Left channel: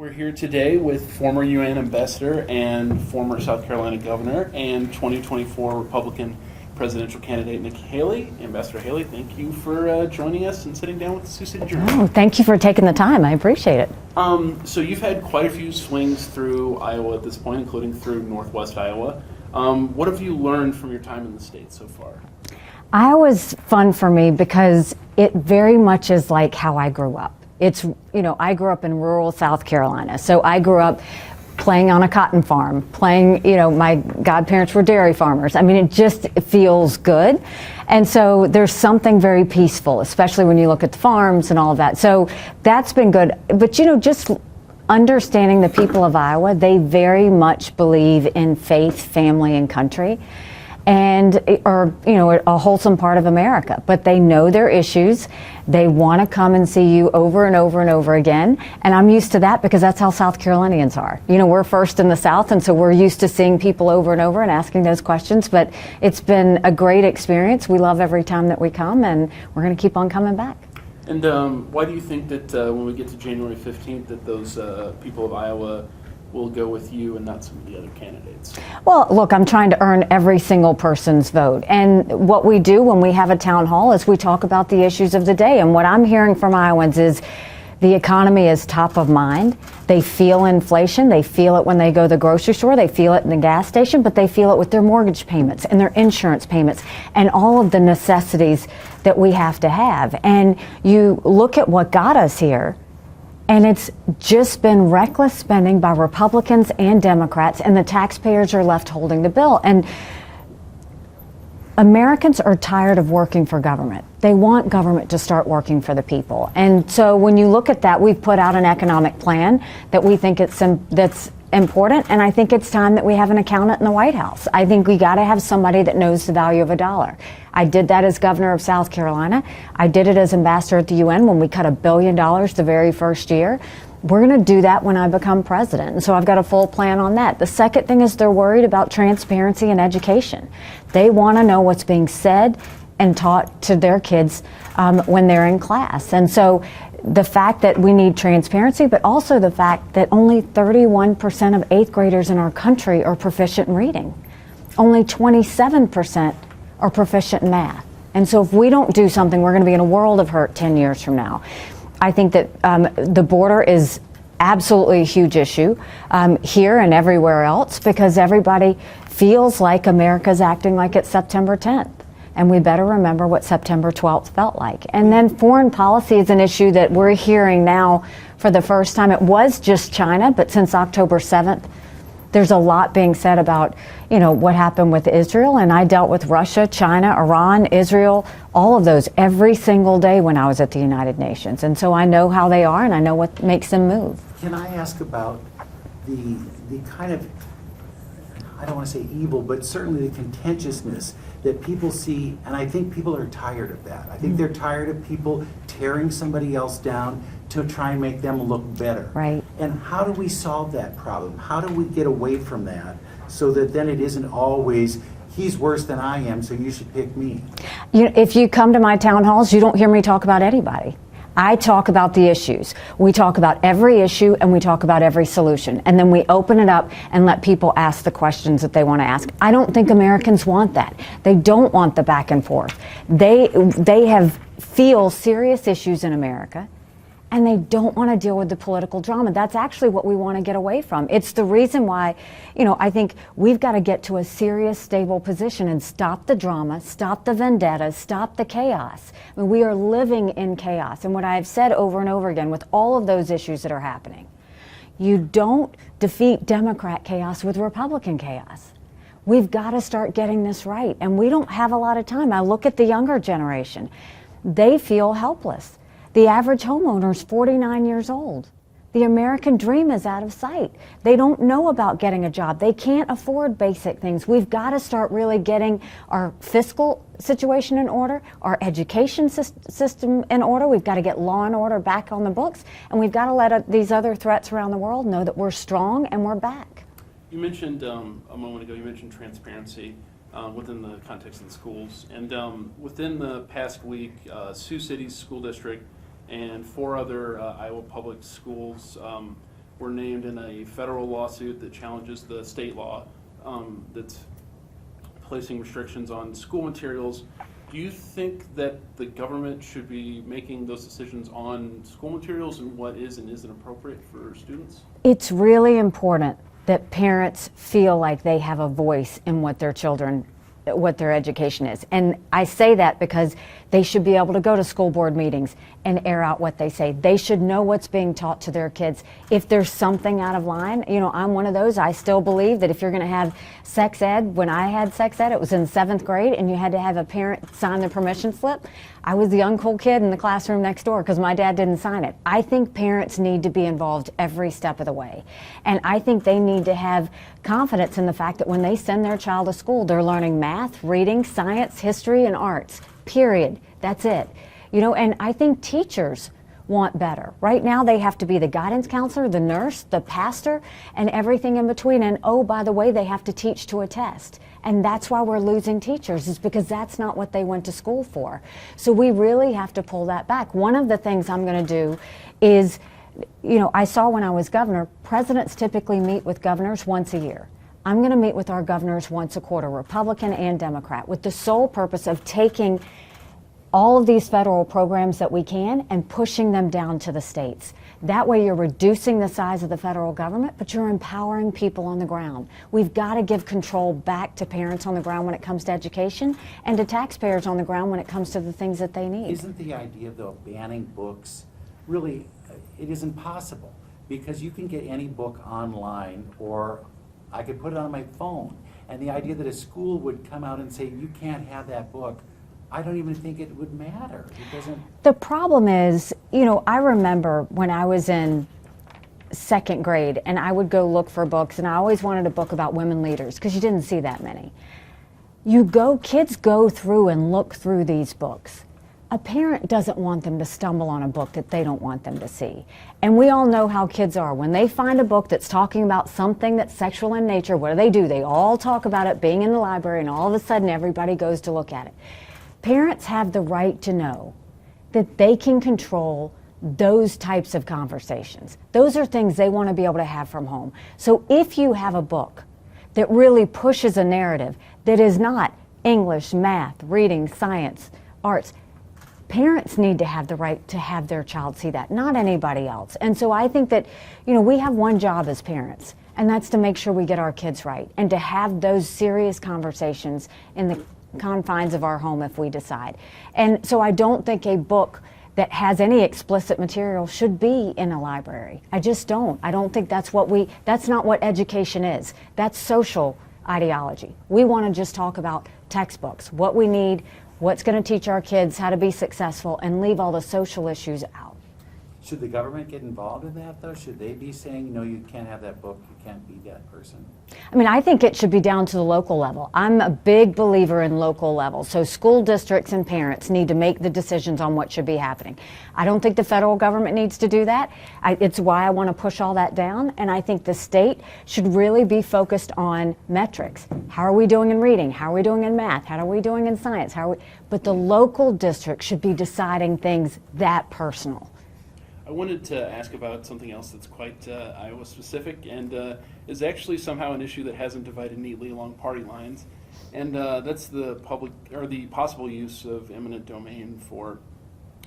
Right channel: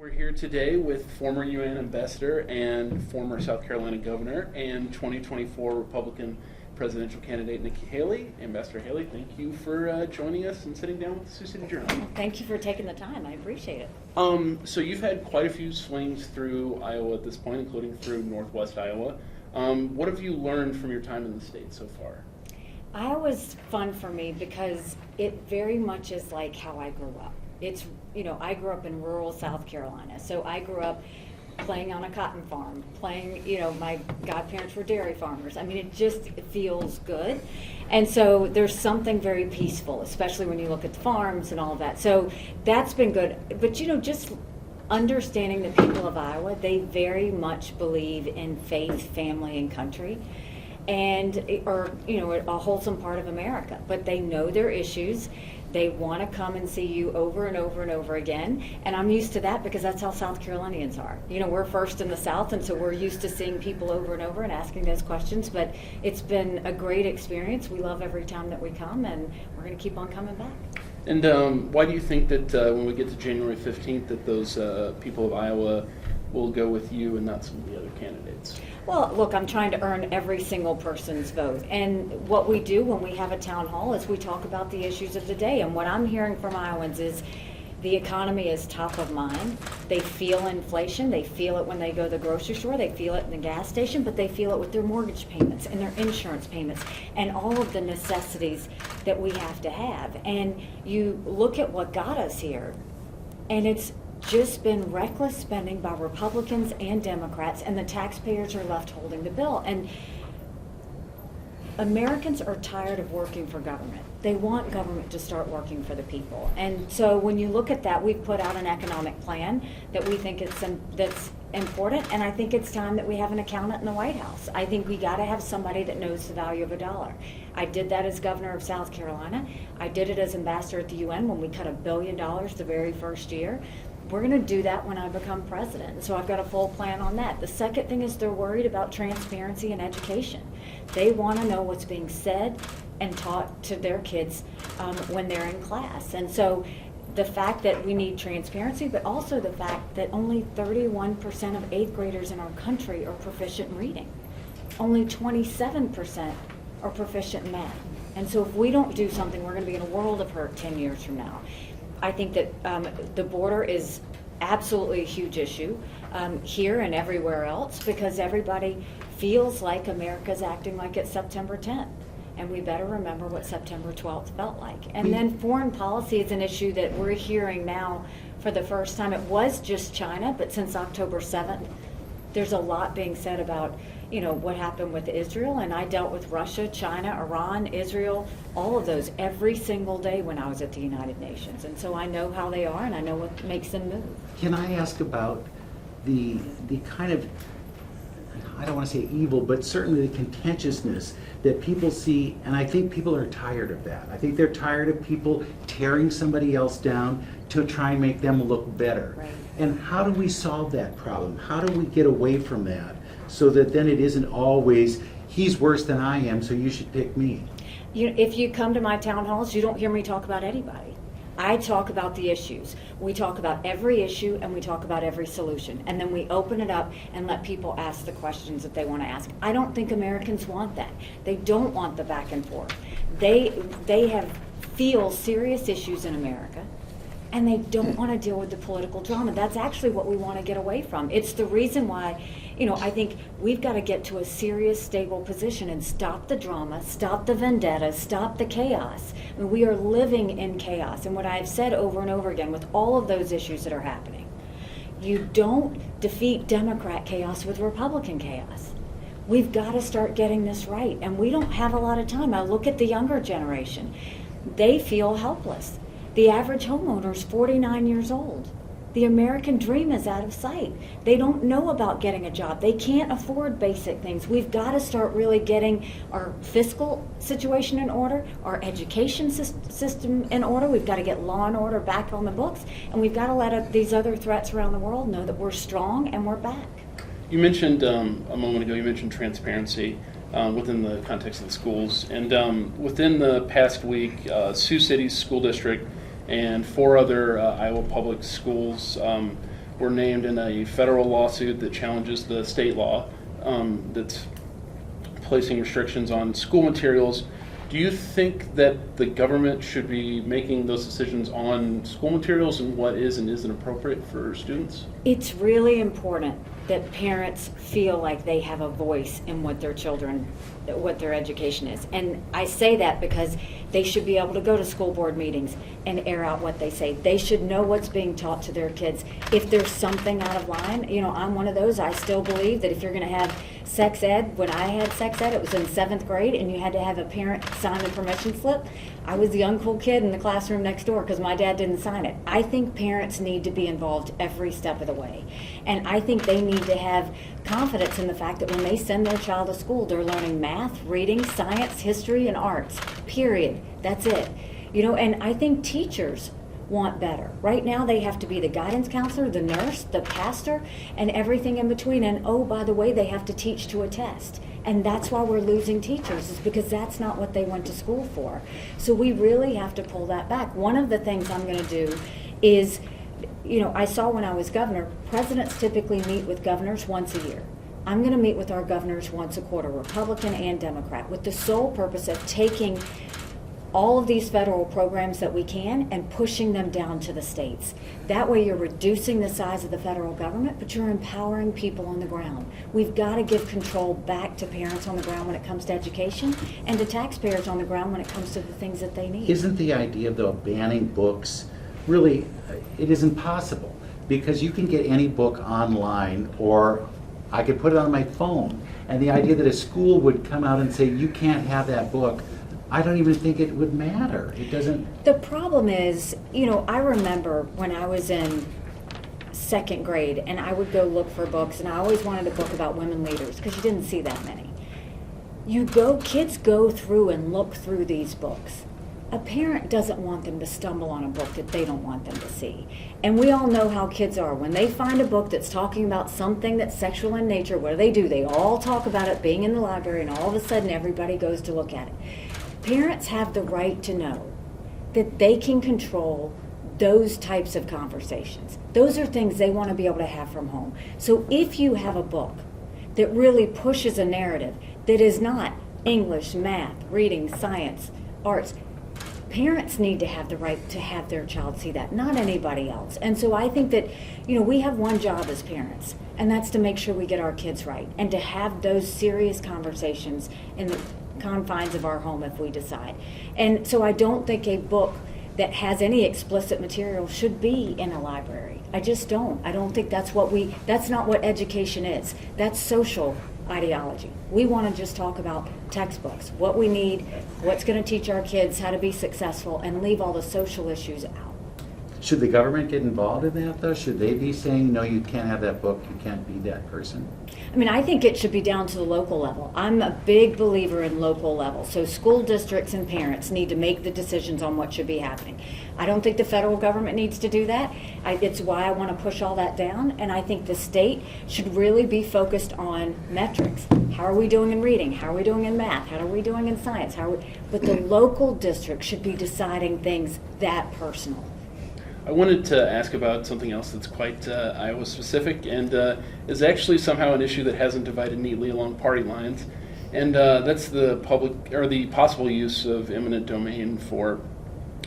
We're here today with former UN ambassador and former South Carolina governor and 2024 Republican presidential candidate Nikki Haley. Ambassador Haley, thank you for joining us and sitting down with the Sioux City Journal. Oh, thank you for taking the time. I appreciate it. So you've had quite a few swings through Iowa at this point, including through Northwest Iowa. What have you learned from your time in the state so far? Iowa's fun for me because it very much is like how I grew up. It's, I grew up in rural South Carolina. So I grew up playing on a cotton farm, my godparents were dairy farmers. I mean, it just feels good. And so there's something very peaceful, especially when you look at the farms and all of that. So that's been good. But, just understanding the people of Iowa, they very much believe in faith, family, and country, and are, a wholesome part of America. But they know their issues. They want to come and see you over and over and over again. And I'm used to that because that's how South Carolinians are. We're first in the South, and so we're used to seeing people over and over and asking those questions. But it's been a great experience. We love every time that we come, and we're going to keep on coming back. And why do you think that when we get to January 15th that those people of Iowa will go with you and not some of the other candidates? Well, look, I'm trying to earn every single person's vote. And what we do when we have a town hall is we talk about the issues of the day. And what I'm hearing from Iowans is the economy is top of mind. They feel inflation. They feel it when they go to the grocery store. They feel it in the gas station, but they feel it with their mortgage payments and their insurance payments and all of the necessities that we have to have. And you look at what got us here, and it's just been reckless spending by Republicans and Democrats, and the taxpayers are left holding the bill. And Americans are tired of working for government. They want government to start working for the people. And so when you look at that, we've put out an economic plan that we think that's important, and I think it's time that we have an accountant in the White House. I think we got to have somebody that knows the value of a dollar. I did that as governor of South Carolina. I did it as ambassador at the UN when we cut $1 billion the very first year. We're going to do that when I become president. And so I've got a full plan on that. The second thing is they're worried about transparency in education. They want to know what's being said and taught to their kids when they're in class. And so the fact that we need transparency, but also the fact that only 31% of 8th graders in our country are proficient in reading. Only 27% are proficient in math. And so if we don't do something, we're going to be in a world of hurt 10 years from now. I think that the border is absolutely a huge issue here and everywhere else because everybody feels like America's acting like it's September 10th. And we better remember what September 12th felt like. And then foreign policy is an issue that we're hearing now for the first time. It was just China, but since October 7th, there's a lot being said about, what happened with Israel. And I dealt with Russia, China, Iran, Israel, all of those every single day when I was at the United Nations. And so I know how they are and I know what makes them move. Can I ask about the kind of, I don't want to say evil, but certainly the contentiousness that people see, and I think people are tired of that. I think they're tired of people tearing somebody else down to try and make them look better. Right. And how do we solve that problem? How do we get away from that so that then it isn't always, he's worse than I am, so you should pick me? If you come to my town halls, you don't hear me talk about anybody. I talk about the issues. We talk about every issue and we talk about every solution. And then we open it up and let people ask the questions that they want to ask. I don't think Americans want that. They don't want the back and forth. They feel serious issues in America and they don't want to deal with the political drama. That's actually what we want to get away from. It's the reason why, I think we've got to get to a serious, stable position and stop the drama, stop the vendettas, stop the chaos. I mean, we are living in chaos. And what I've said over and over again with all of those issues that are happening, you don't defeat Democrat chaos with Republican chaos. We've got to start getting this right. And we don't have a lot of time. I look at the younger generation. They feel helpless. The average homeowner is 49 years old. The American dream is out of sight. They don't know about getting a job. They can't afford basic things. We've got to start really getting our fiscal situation in order, our education system in order. We've got to get law and order back on the books, and we've got to let these other threats around the world know that we're strong and we're back. You mentioned a moment ago, you mentioned transparency within the context of the schools. And within the past week, Sioux City's school district and 4 other Iowa public schools were named in a federal lawsuit that challenges the state law that's placing restrictions on school materials. Do you think that the government should be making those decisions on school materials and what is and isn't appropriate for students? It's really important that parents feel like they have a voice in what their children, what their education is. And I say that because they should be able to go to school board meetings and air out what they say. They should know what's being taught to their kids. If there's something out of line, you know, I'm one of those. I still believe that if you're going to have sex ed, when I had sex ed, it was in 7th grade, and you had to have a parent sign the permission slip. I was the uncool kid in the classroom next door because my dad didn't sign it. I think parents need to be involved every step of the way. And I think they need to have confidence in the fact that when they send their child to school, they're learning math, reading, science, history, and arts, period. That's it. You know, and I think teachers want better. Right now they have to be the guidance counselor, the nurse, the pastor, and everything in between. And oh, by the way, they have to teach to a test. And that's why we're losing teachers, is because that's not what they went to school for. So we really have to pull that back. One of the things I'm going to do is, you know, I saw when I was governor, presidents typically meet with governors once a year. I'm going to meet with our governors once a quarter, Republican and Democrat, with the sole purpose of taking all of these federal programs that we can and pushing them down to the states. That way you're reducing the size of the federal government, but you're empowering people on the ground. We've got to give control back to parents on the ground when it comes to education, and to taxpayers on the ground when it comes to the things that they need. Isn't the idea, though, of banning books, really, it isn't possible, because you can get any book online, or I could put it on my phone, and the idea that a school would come out and say, you can't have that book, I don't even think it would matter. It doesn't. The problem is, you know, I remember when I was in 2nd grade and I would go look for books, and I always wanted a book about women leaders because you didn't see that many. Kids go through and look through these books. A parent doesn't want them to stumble on a book that they don't want them to see. And we all know how kids are. When they find a book that's talking about something that's sexual in nature, what do? They all talk about it being in the library, and all of a sudden everybody goes to look at it. Parents have the right to know that they can control those types of conversations. Those are things they want to be able to have from home. So if you have a book that really pushes a narrative that is not English, math, reading, science, arts, parents need to have the right to have their child see that, not anybody else. And so I think that, you know, we have one job as parents, and that's to make sure we get our kids right and to have those serious conversations in the confines of our home if we decide. And so I don't think a book that has any explicit material should be in a library. I just don't. I don't think that's not what education is. That's social ideology. We want to just talk about textbooks, what we need, what's going to teach our kids how to be successful, and leave all the social issues out. Should the government get involved in that, though? Should they be saying, no, you can't have that book, you can't be that person? I mean, I think it should be down to the local level. I'm a big believer in local level. So school districts and parents need to make the decisions on what should be happening. I don't think the federal government needs to do that. It's why I want to push all that down. And I think the state should really be focused on metrics. How are we doing in reading? How are we doing in math? How are we doing in science? But the local district should be deciding things that personal. I wanted to ask about something else that's quite Iowa specific, and is actually somehow an issue that hasn't divided neatly along party lines, and that's the possible use of eminent domain for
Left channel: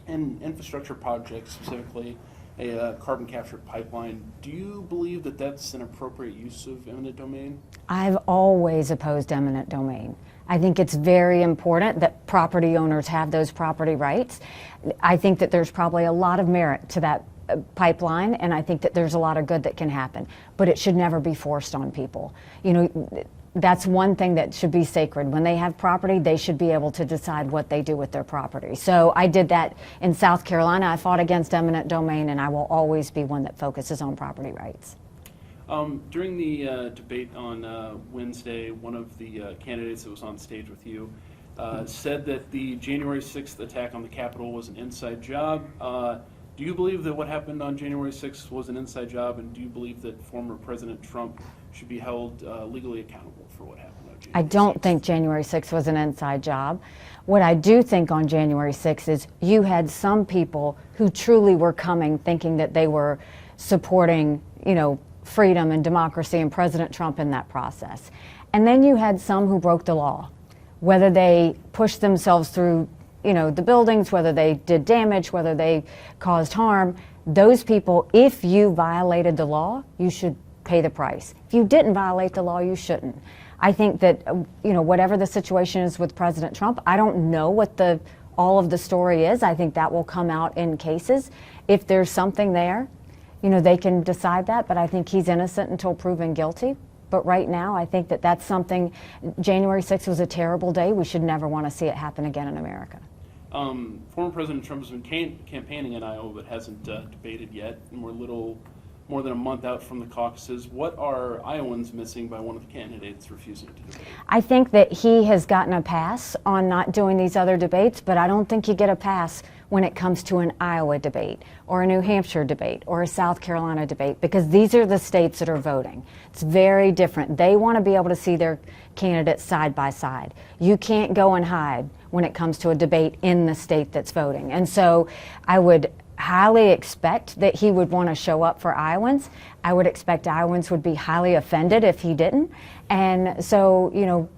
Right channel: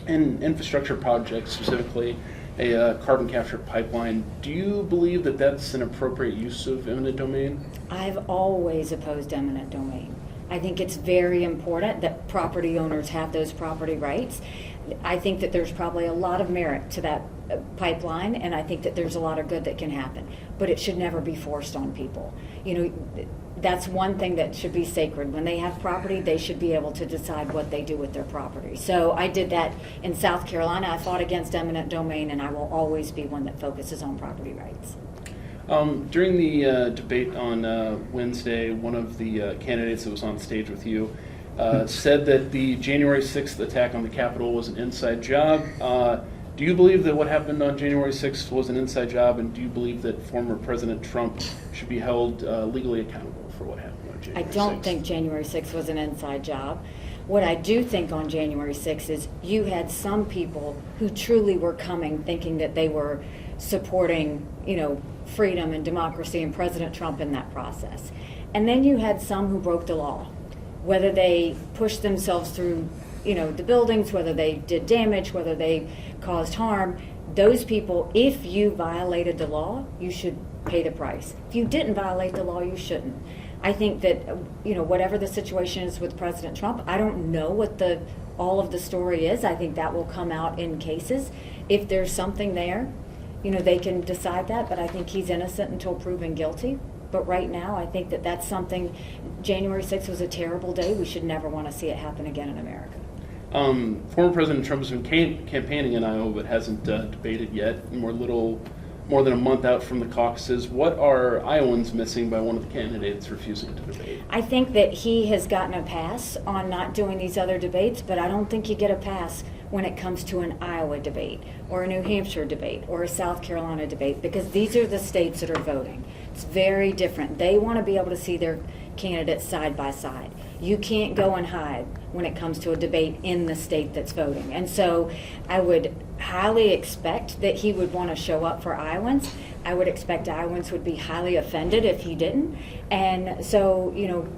an infrastructure project, specifically a carbon capture pipeline. Do you believe that that's an appropriate use of eminent domain? I've always opposed eminent domain. I think it's very important that property owners have those property rights. I think that there's probably a lot of merit to that pipeline, and I think that there's a lot of good that can happen, but it should never be forced on people. You know, that's one thing that should be sacred. When they have property, they should be able to decide what they do with their property. So I did that in South Carolina. I fought against eminent domain, and I will always be one that focuses on property rights. During the debate on Wednesday, one of the candidates that was on stage with you said that the January 6th attack on the Capitol was an inside job. Do you believe that what happened on January 6th was an inside job, and do you believe that former President Trump should be held legally accountable for what happened on January 6th? I don't think January 6th was an inside job. What I do think on January 6th is you had some people who truly were coming thinking that they were supporting, freedom and democracy and President Trump in that process. And then you had some who broke the law, whether they pushed themselves through, the buildings, whether they did damage, whether they caused harm. Those people, if you violated the law, you should pay the price. If you didn't violate the law, you shouldn't. I think that, whatever the situation is with President Trump, I don't know what all of the story is. I think that will come out in cases. If there's something there, they can decide that, but I think he's innocent until proven guilty. But right now, I think that that's something, January 6th was a terrible day. We should never want to see it happen again in America. Former President Trump has been campaigning in Iowa, but hasn't debated yet. And we're more than a month out from the caucuses. What are Iowans missing by one of the candidates refusing to debate? I think that he has gotten a pass on not doing these other debates, but I don't think you get a pass when it comes to an Iowa debate or a New Hampshire debate or a South Carolina debate, because these are the states that are voting. It's very different. They want to be able to see their candidates side by side. You can't go and hide when it comes to a debate in the state that's voting. And so I would highly expect that he would want to show up for Iowans. I would expect Iowans would be highly offended if he didn't. And so,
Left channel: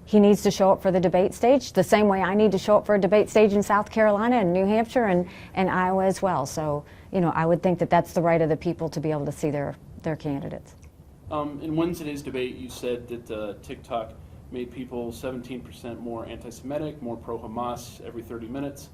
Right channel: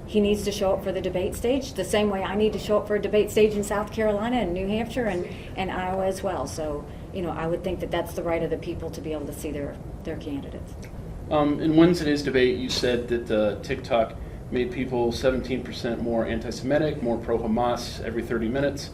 he needs to show up for the debate stage the same way I need to show up for a debate stage in South Carolina and New Hampshire and Iowa as well. So, I would think that that's the right of the people to be able to see their candidates. In Wednesday's debate, you said that TikTok made people 17% more anti-Semitic, more pro-Hamas every 30 minutes.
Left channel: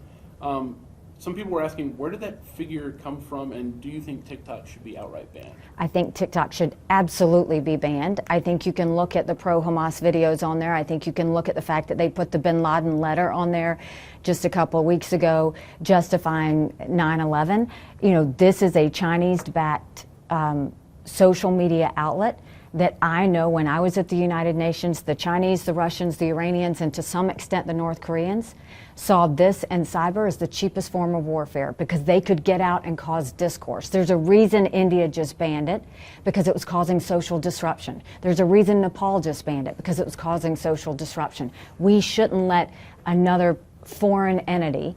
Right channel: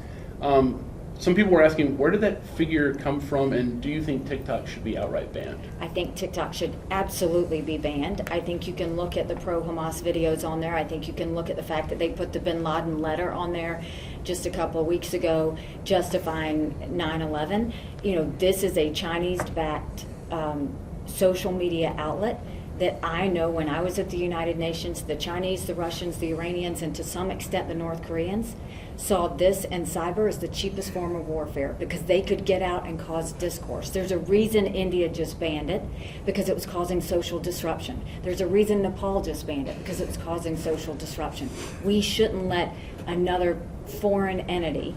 Some people were asking, where did that figure come from, and do you think TikTok should be outright banned? I think TikTok should absolutely be banned. I think you can look at the pro-Hamas videos on there. I think you can look at the fact that they put the bin Laden letter on there just a couple of weeks ago justifying 9/11. This is a Chinese-backed social media outlet that I know when I was at the United Nations, the Chinese, the Russians, the Iranians, and to some extent the North Koreans saw this and cyber as the cheapest form of warfare because they could get out and cause discourse. There's a reason India just banned it, because it was causing social disruption. There's a reason Nepal just banned it, because it was causing social disruption. We shouldn't let another foreign entity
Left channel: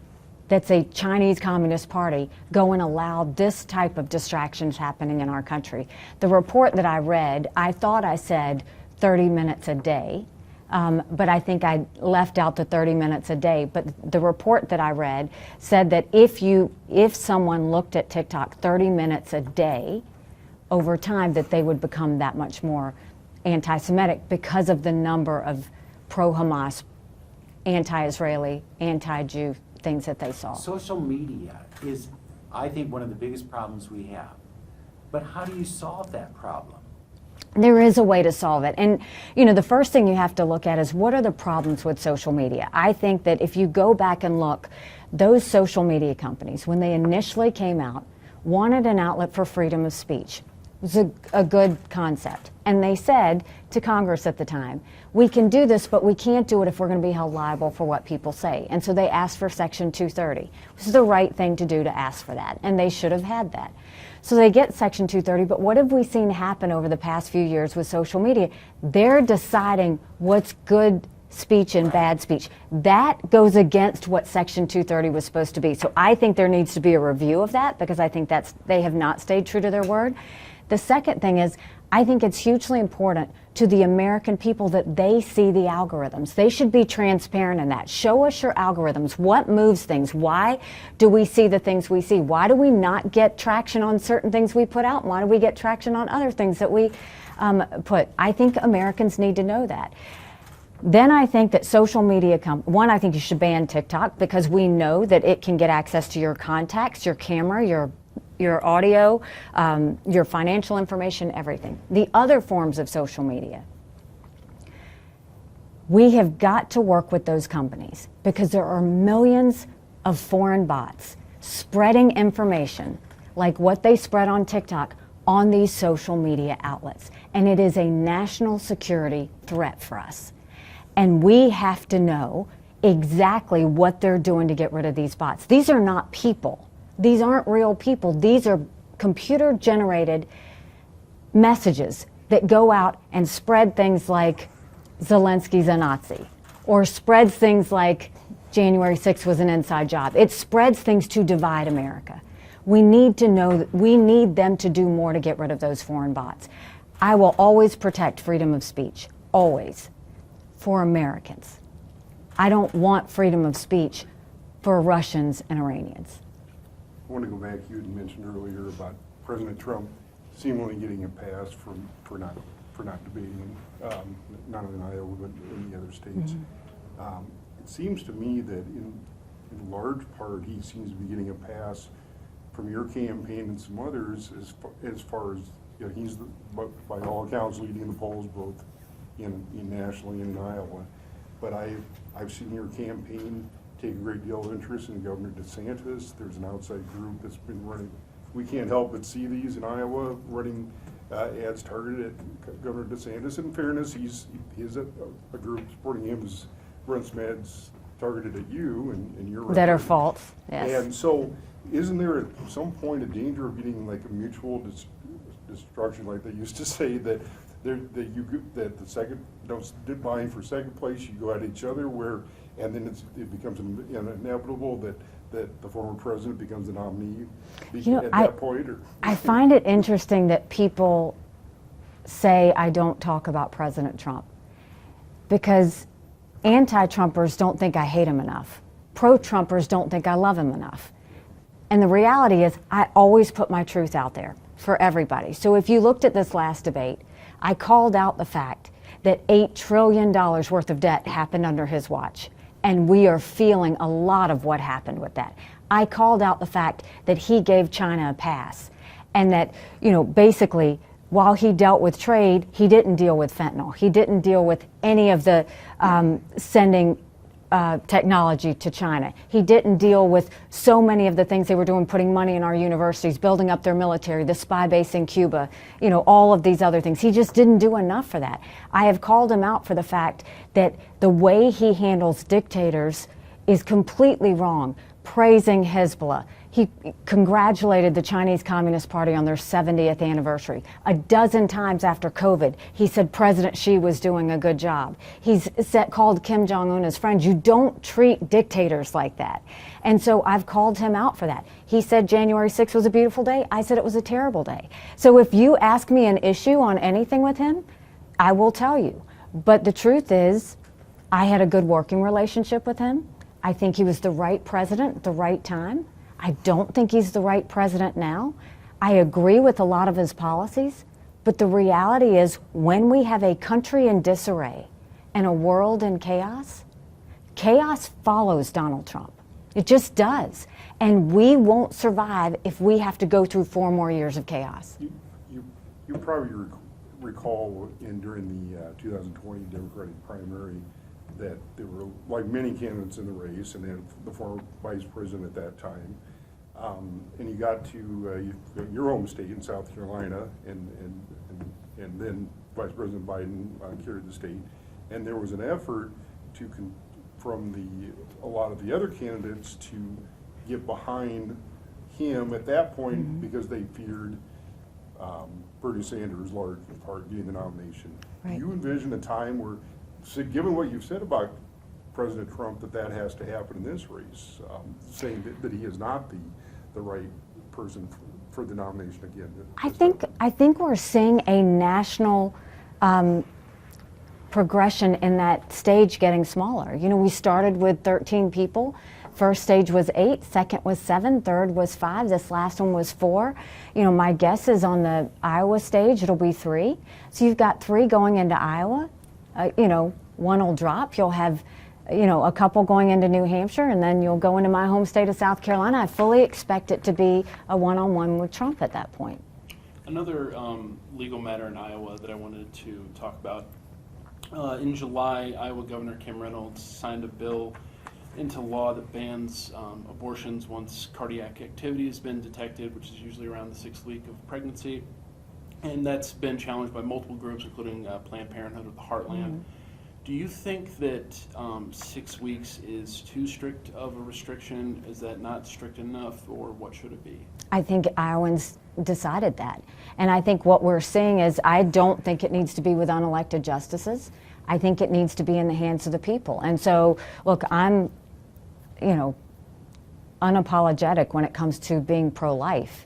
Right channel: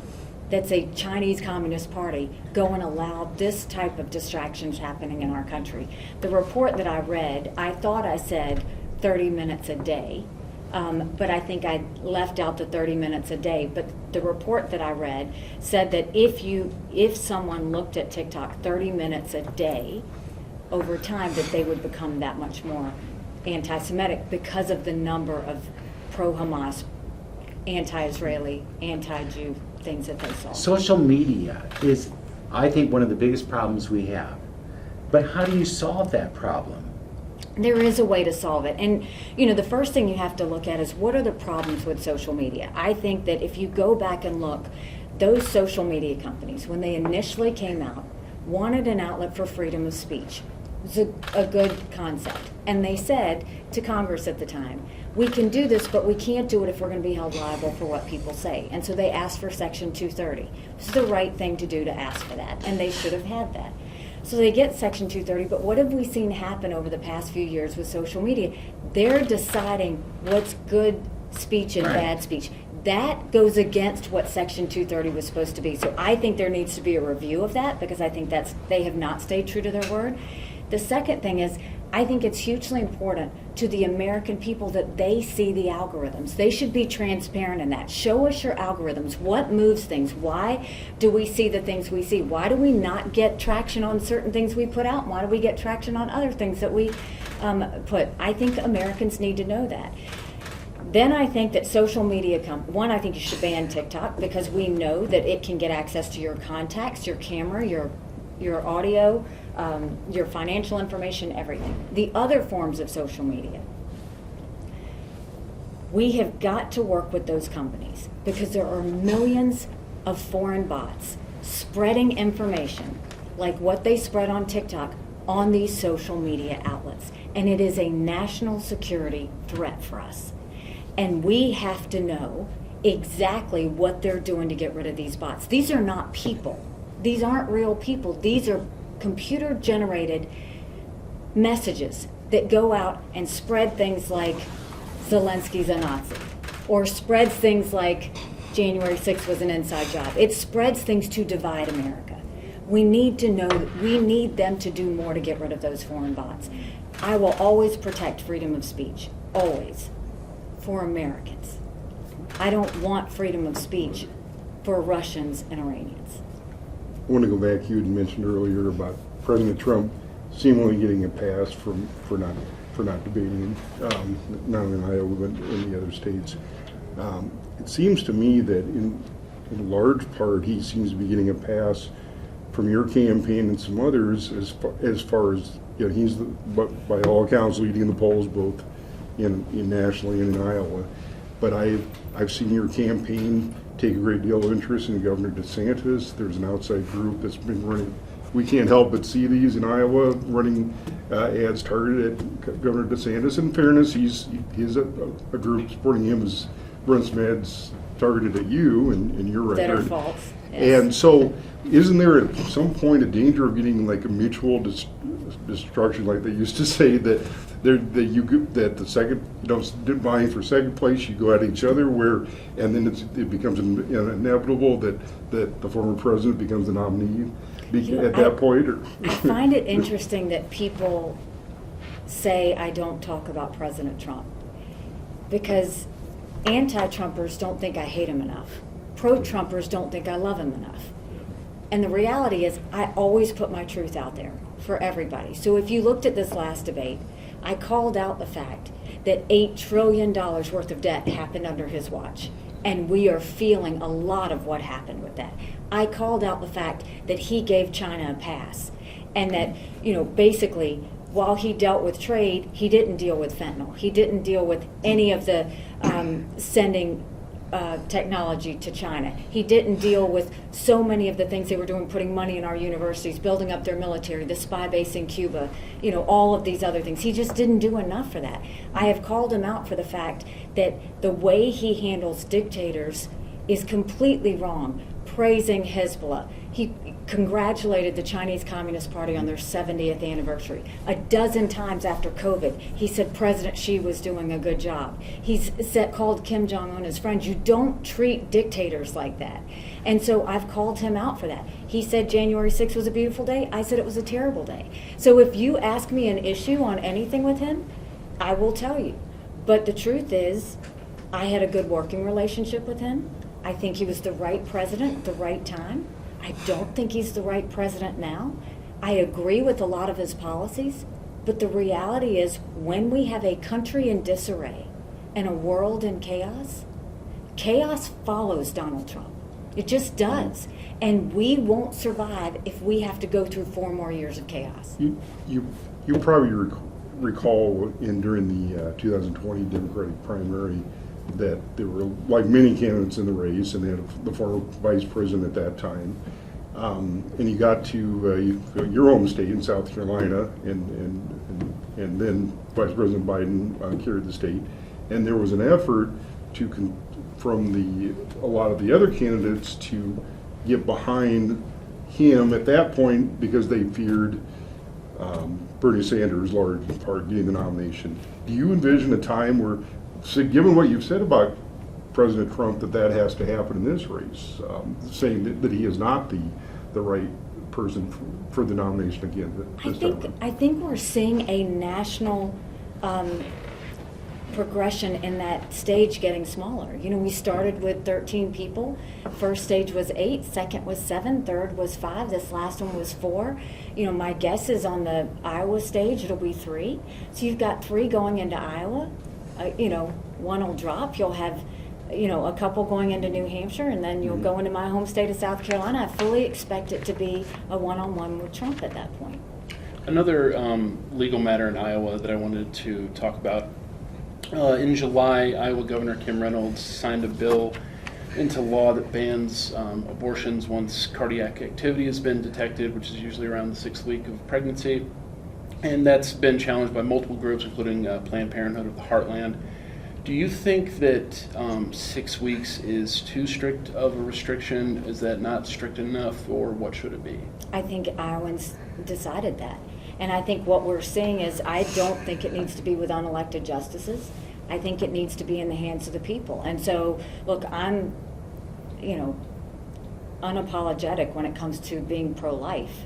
that's a Chinese Communist Party go and allow this type of distractions happening in our country. The report that I read, I thought I said 30 minutes a day, but I think I left out the 30 minutes a day. But the report that I read said that if someone looked at TikTok 30 minutes a day, over time that they would become that much more anti-Semitic because of the number of pro-Hamas, anti-Israeli, anti-Jew things that they saw. Social media is, I think, one of the biggest problems we have. But how do you solve that problem? There is a way to solve it. And, the first thing you have to look at is what are the problems with social media? I think that if you go back and look, those social media companies, when they initially came out, wanted an outlet for freedom of speech. It was a good concept. And they said to Congress at the time, we can do this, but we can't do it if we're going to be held liable for what people say. And so they asked for Section 230. This is the right thing to do to ask for that, and they should have had that. So they get Section 230, but what have we seen happen over the past few years with social media? They're deciding what's good speech and bad speech. That goes against what Section 230 was supposed to be. So I think there needs to be a review of that, because I think they have not stayed true to their word. The second thing is, I think it's hugely important to the American people that they see the algorithms. They should be transparent in that. Show us your algorithms. What moves things? Why do we see the things we see? Why do we not get traction on certain things we put out? Why do we get traction on other things that we put? I think Americans need to know that. Then I think that social media, I think you should ban TikTok, because we know that it can get access to your contacts, your camera, your audio, your financial information, everything. The other forms of social media, we have got to work with those companies, because there are millions of foreign bots spreading information like what they spread on TikTok on these social media outlets. And it is a national security threat for us. And we have to know exactly what they're doing to get rid of these bots. These are not people. These aren't real people. These are computer-generated messages that go out and spread things like Zelensky's a Nazi, or spreads things like January 6th was an inside job. It spreads things to divide America. We need to know that we need them to do more to get rid of those foreign bots. I will always protect freedom of speech, always, for Americans. I don't want freedom of speech for Russians and Iranians. I want to go back, you had mentioned earlier about President Trump seemingly getting a pass for not debating, not only in Iowa but in the other states. It seems to me that in large part he seems to be getting a pass from your campaign and some others as far as, you know, he's by all accounts leading the polls both in nationally and in Iowa. But I've seen your campaign take a great deal of interest in Governor DeSantis. There's an outside group that's been running. We can't help but see these in Iowa running ads targeted at Governor DeSantis. In fairness, he's a group supporting him as run some ads targeted at you and your record. That are false. Yes. And so, isn't there at some point a danger of getting like a mutual destruction, like they used to say, that the second, you know, vying for second place, you go at each other, and then it becomes inevitable that the former president becomes the nominee at that point? Or? I find it interesting that people say I don't talk about President Trump, because anti-Trumpers don't think I hate him enough. Pro-Trumpers don't think I love him enough. And the reality is I always put my truth out there for everybody. So if you looked at this last debate, I called out the fact that $8 trillion worth of debt happened under his watch. And we are feeling a lot of what happened with that. I called out the fact that he gave China a pass, and that, you know, basically, while he dealt with trade, he didn't deal with fentanyl. He didn't deal with any of the sending technology to China. He didn't deal with so many of the things they were doing, putting money in our universities, building up their military, the spy base in Cuba, you know, all of these other things. He just didn't do enough for that. I have called him out for the fact that the way he handles dictators is completely wrong, praising Hezbollah. He congratulated the Chinese Communist Party on their 70th anniversary. A dozen times after COVID, he said President Xi was doing a good job. He's called Kim Jong-un his friend. You don't treat dictators like that. And so I've called him out for that. He said January 6th was a beautiful day. I said it was a terrible day. So if you ask me an issue on anything with him, I will tell you. But the truth is, I had a good working relationship with him. I think he was the right president at the right time. I don't think he's the right president now. I agree with a lot of his policies, but the reality is when we have a country in disarray and a world in chaos, chaos follows Donald Trump. It just does. And we won't survive if we have to go through 4 more years of chaos. You probably recall during the 2020 Democratic primary that there were, like many candidates in the race, and they had the former vice president at that time. And you got to your home state in South Carolina, and then Vice President Biden carried the state. And there was an effort from a lot of the other candidates to get behind him at that point because they feared Bernie Sanders, large part, getting the nomination. Do you envision a time where, given what you've said about President Trump, that has to happen in this race, saying that he is not the right person for the nomination again? I think we're seeing a national progression in that stage getting smaller. You know, we started with 13 people. First stage was 8, second was 7, third was 5, this last one was 4. You know, my guess is on the Iowa stage it'll be 3. So you've got 3 going into Iowa. You know, 1 will drop. You'll have, you know, a couple going into New Hampshire, and then you'll go into my home state of South Carolina. I fully expect it to be a one-on-one with Trump at that point. Another legal matter in Iowa that I wanted to talk about. In July, Iowa Governor Kim Reynolds signed a bill into law that bans abortions once cardiac activity has been detected, which is usually around the 6th week of pregnancy. And that's been challenged by multiple groups, including Planned Parenthood of the Heartland. Do you think that 6 weeks is too strict of a restriction? Is that not strict enough, or what should it be? I think Iowans decided that. And I think what we're seeing is, I don't think it needs to be with unelected justices. I think it needs to be in the hands of the people. And so, look, I'm, you know, unapologetic when it comes to being pro-life.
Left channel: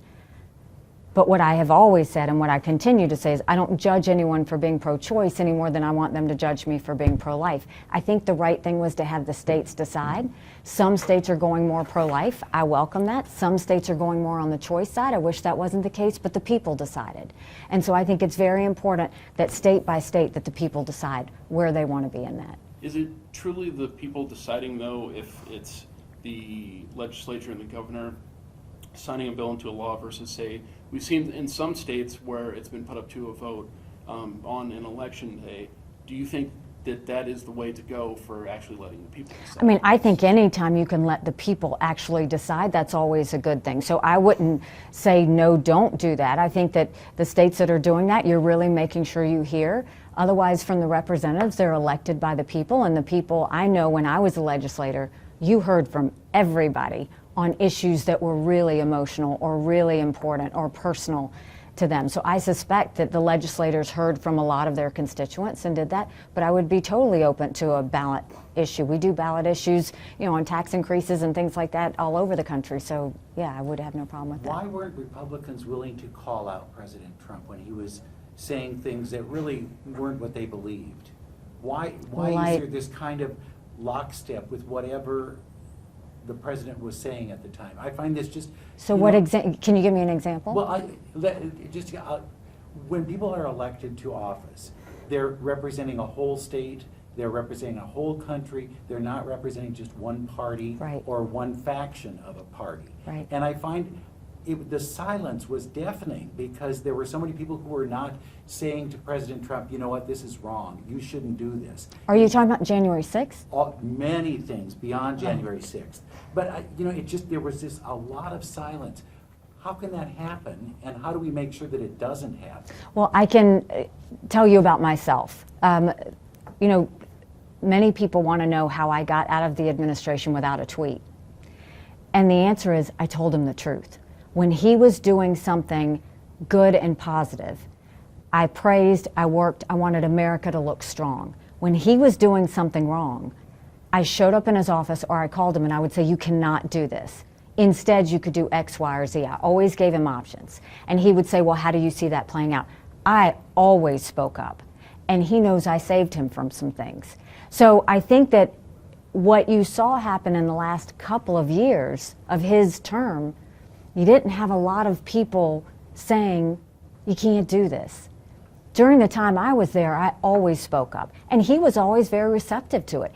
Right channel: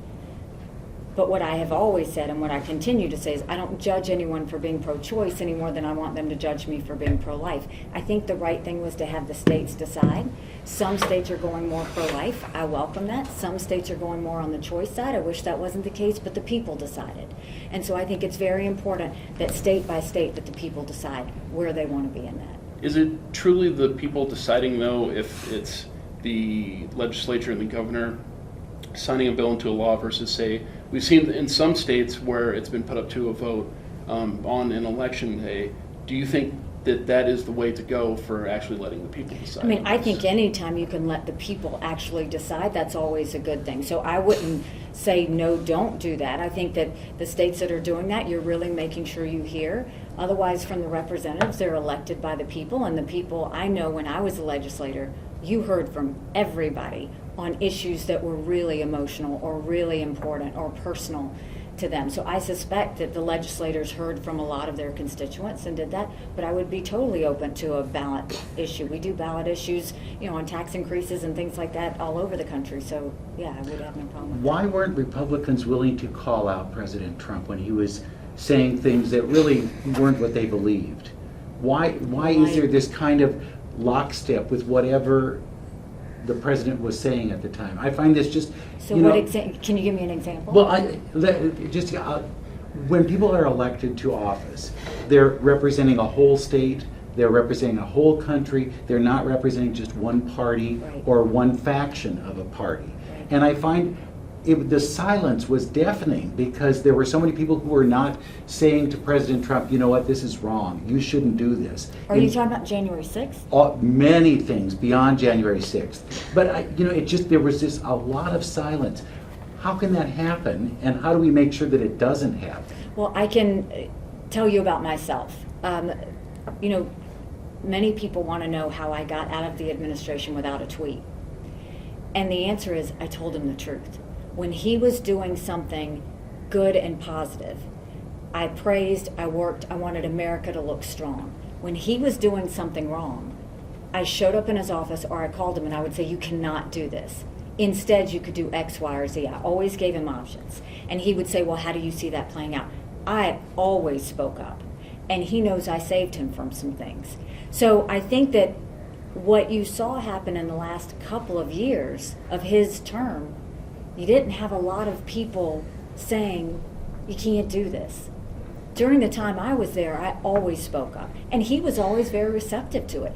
But what I have always said and what I continue to say is I don't judge anyone for being pro-choice any more than I want them to judge me for being pro-life. I think the right thing was to have the states decide. Some states are going more pro-life. I welcome that. Some states are going more on the choice side. I wish that wasn't the case, but the people decided. And so I think it's very important that state by state that the people decide where they want to be in that. Is it truly the people deciding, though, if it's the legislature and the governor signing a bill into a law versus, say, we've seen in some states where it's been put up to a vote on an election day. Do you think that that is the way to go for actually letting the people decide? I mean, I think anytime you can let the people actually decide, that's always a good thing. So I wouldn't say, no, don't do that. I think that the states that are doing that, you're really making sure you hear. Otherwise, from the representatives, they're elected by the people, and the people, I know when I was a legislator, you heard from everybody on issues that were really emotional or really important or personal to them. So I suspect that the legislators heard from a lot of their constituents and did that, but I would be totally open to a ballot issue. We do ballot issues, on tax increases and things like that all over the country. So yeah, I would have no problem with that. Why weren't Republicans willing to call out President Trump when he was saying things that really weren't what they believed? Why is there this kind of lockstep with whatever the president was saying at the time? I find this just... So can you give me an example? Well, when people are elected to office, they're representing a whole state, they're representing a whole country, they're not representing just one party Right. or one faction of a party. Right. And I find the silence was deafening because there were so many people who were not saying to President Trump, you know what, this is wrong, you shouldn't do this. Are you talking about January 6th? Many things beyond January 6th. But, there was just a lot of silence. How can that happen, and how do we make sure that it doesn't happen? Well, I can tell you about myself. Many people want to know how I got out of the administration without a tweet. And the answer is I told him the truth. When he was doing something good and positive, I praised, I worked, I wanted America to look strong. When he was doing something wrong, I showed up in his office or I called him and I would say, you cannot do this. Instead, you could do X, Y, or Z. I always gave him options. And he would say, well, how do you see that playing out? I always spoke up. And he knows I saved him from some things. So I think that what you saw happen in the last couple of years of his term, you didn't have a lot of people saying, you can't do this. During the time I was there, I always spoke up. And he was always very receptive to it.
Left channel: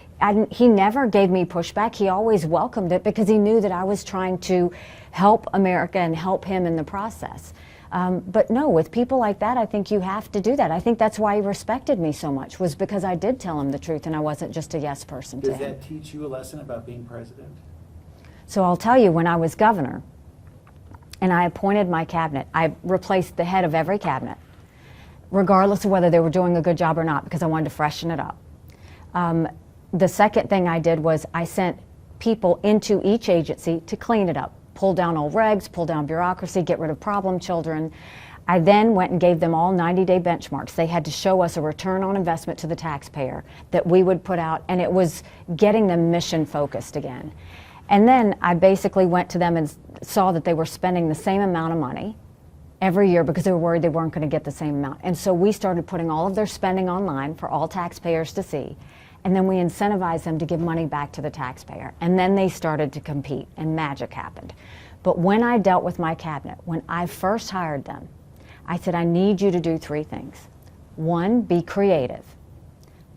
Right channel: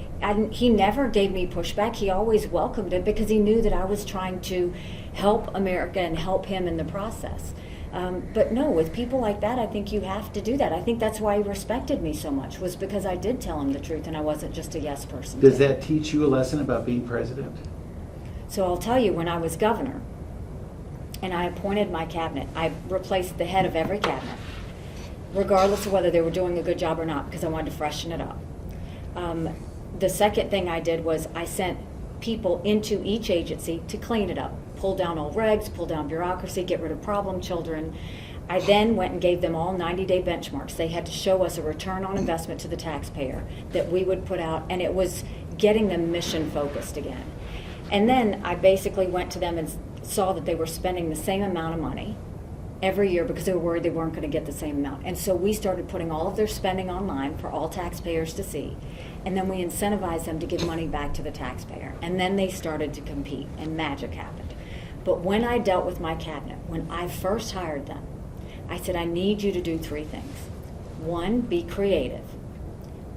He never gave me pushback. He always welcomed it because he knew that I was trying to help America and help him in the process. But no, with people like that, I think you have to do that. I think that's why he respected me so much, was because I did tell him the truth and I wasn't just a yes person. Does that teach you a lesson about being president? So I'll tell you, when I was governor and I appointed my cabinet, I replaced the head of every cabinet, regardless of whether they were doing a good job or not, because I wanted to freshen it up. The second thing I did was I sent people into each agency to clean it up, pull down old regs, pull down bureaucracy, get rid of problem children. I then went and gave them all 90-day benchmarks. They had to show us a return on investment to the taxpayer that we would put out, and it was getting them mission focused again. And then I basically went to them and saw that they were spending the same amount of money every year because they were worried they weren't going to get the same amount. And so we started putting all of their spending online for all taxpayers to see. And then we incentivized them to give money back to the taxpayer. And then they started to compete, and magic happened. But when I dealt with my cabinet, when I first hired them, I said, I need you to do three things. One, be creative.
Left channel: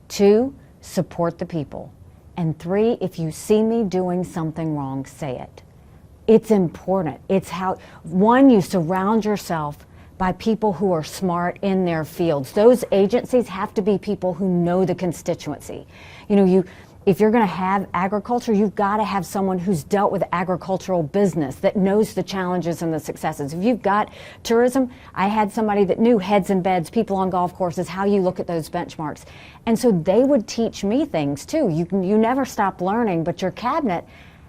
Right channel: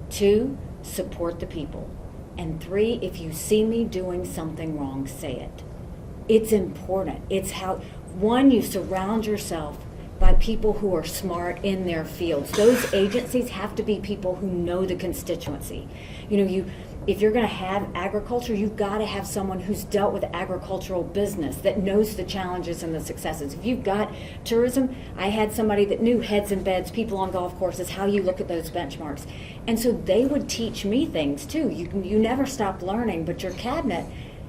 Two, support the people. And three, if you see me doing something wrong, say it. It's important. It's how, one, you surround yourself by people who are smart in their fields. Those agencies have to be people who know the constituency. If you're going to have agriculture, you've got to have someone who's dealt with agricultural business, that knows the challenges and the successes. If you've got tourism, I had somebody that knew heads and beds, people on golf courses, how you look at those benchmarks. And so they would teach me things too. You never stop learning, but your cabinet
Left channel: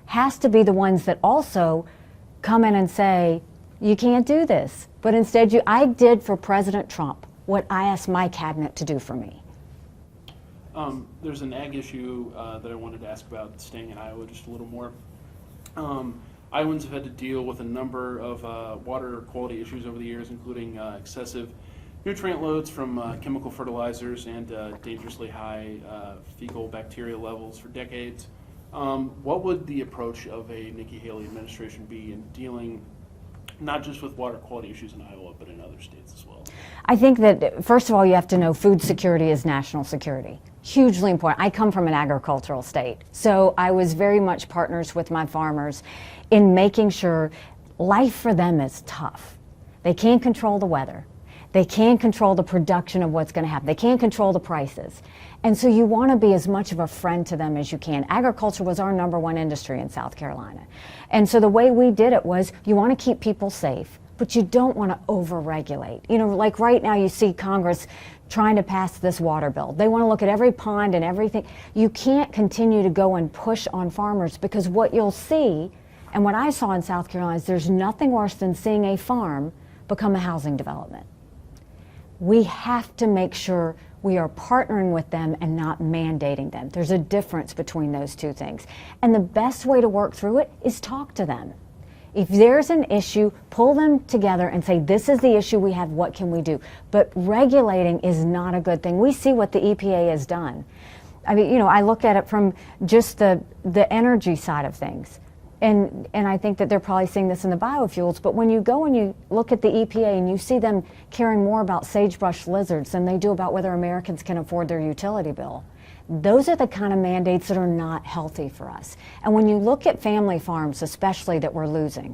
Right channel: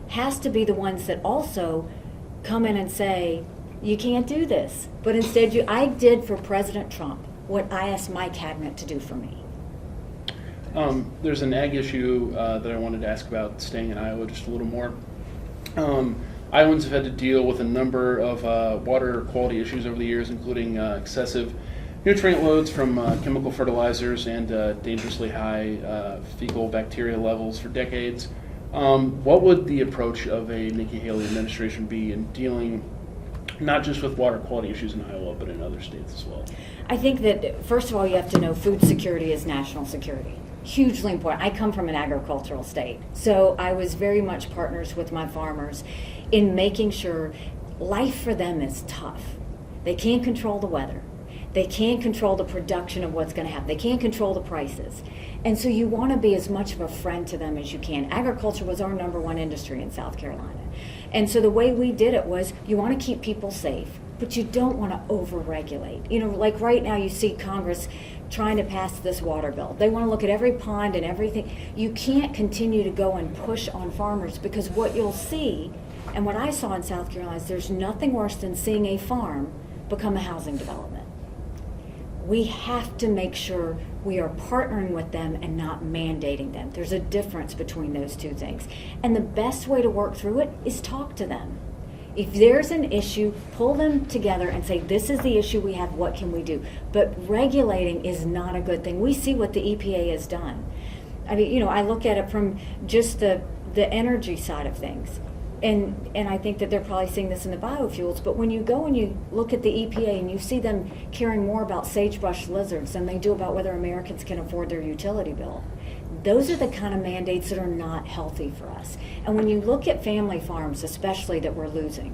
has to be the ones that also come in and say, you can't do this. But instead, I did for President Trump what I asked my cabinet to do for me. There's an ag issue that I wanted to ask about, staying in Iowa just a little more. Iowans have had to deal with a number of water quality issues over the years, including excessive nutrient loads from chemical fertilizers and dangerously high fecal bacteria levels for decades. What would the approach of a Nikki Haley administration be in dealing not just with water quality issues in Iowa, but in other states as well? I think that, first of all, you have to know food security is national security. Hugely important. I come from an agricultural state, so I was very much partners with my farmers in making sure life for them is tough. They can't control the weather. They can't control the production of what's going to happen. They can't control the prices. And so you want to be as much of a friend to them as you can. Agriculture was our #1 industry in South Carolina. And so the way we did it was, you want to keep people safe, but you don't want to over-regulate. You know, like right now you see Congress trying to pass this water bill. They want to look at every pond and everything. You can't continue to go and push on farmers, because what you'll see, and what I saw in South Carolina, is there's nothing worse than seeing a farm become a housing development. We have to make sure we are partnering with them and not mandating them. There's a difference between those two things. And the best way to work through it is talk to them. If there's an issue, pull them together and say, this is the issue we have, what can we do? But regulating is not a good thing. We see what the EPA has done. I mean, you know, I look at it from just the energy side of things. And I think that they're probably seeing this in the biofuels, but when you go and you look at the EPA and you see them caring more about sagebrush lizards than they do about whether Americans can afford their utility bill, those are the kind of mandates that are not healthy for us. And when you look at family farms, especially, that we're losing,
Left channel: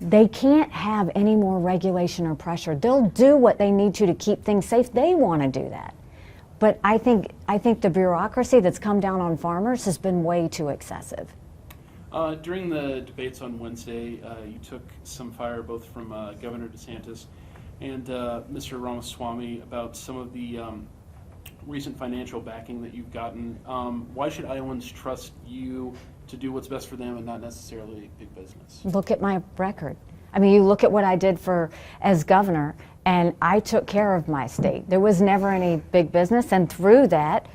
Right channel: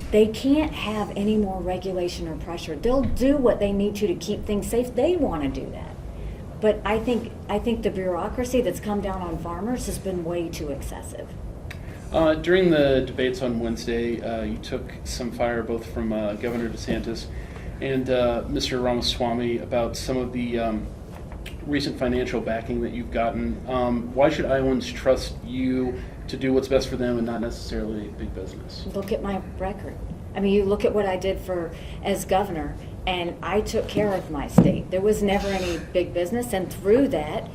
they can't have any more regulation or pressure. They'll do what they need to keep things safe. They want to do that. But I think the bureaucracy that's come down on farmers has been way too excessive. During the debates on Wednesday, you took some fire both from Governor DeSantis and Mr. Ramaswamy about some of the recent financial backing that you've gotten. Why should Iowans trust you to do what's best for them and not necessarily big business? Look at my record. I mean, you look at what I did as governor, and I took care of my state. There was never any big business, and through that,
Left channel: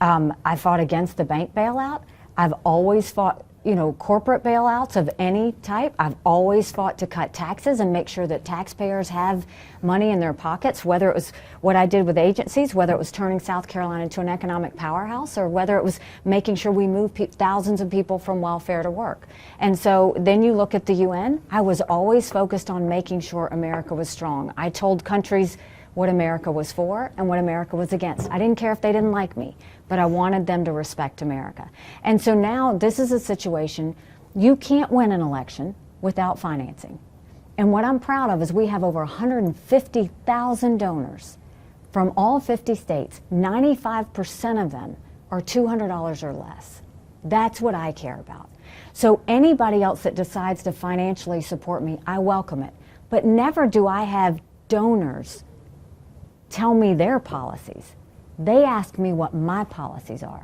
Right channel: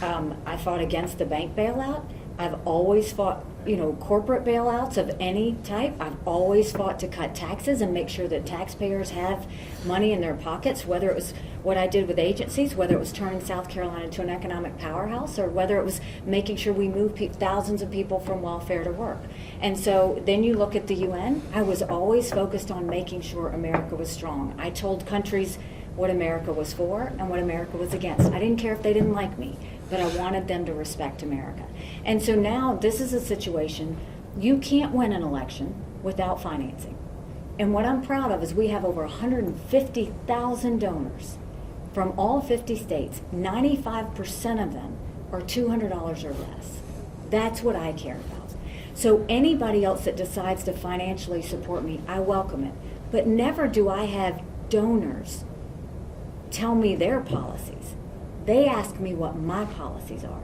I fought against the bank bailout. I've always fought, you know, corporate bailouts of any type. I've always fought to cut taxes and make sure that taxpayers have money in their pockets, whether it was what I did with agencies, whether it was turning South Carolina to an economic powerhouse, or whether it was making sure we move thousands of people from welfare to work. And so then you look at the UN, I was always focused on making sure America was strong. I told countries what America was for and what America was against. I didn't care if they didn't like me, but I wanted them to respect America. And so now this is a situation, you can't win an election without financing. And what I'm proud of is we have over 150,000 donors from all 50 states. 95% of them are $200 or less. That's what I care about. So anybody else that decides to financially support me, I welcome it. But never do I have donors tell me their policies. They ask me what my policies are.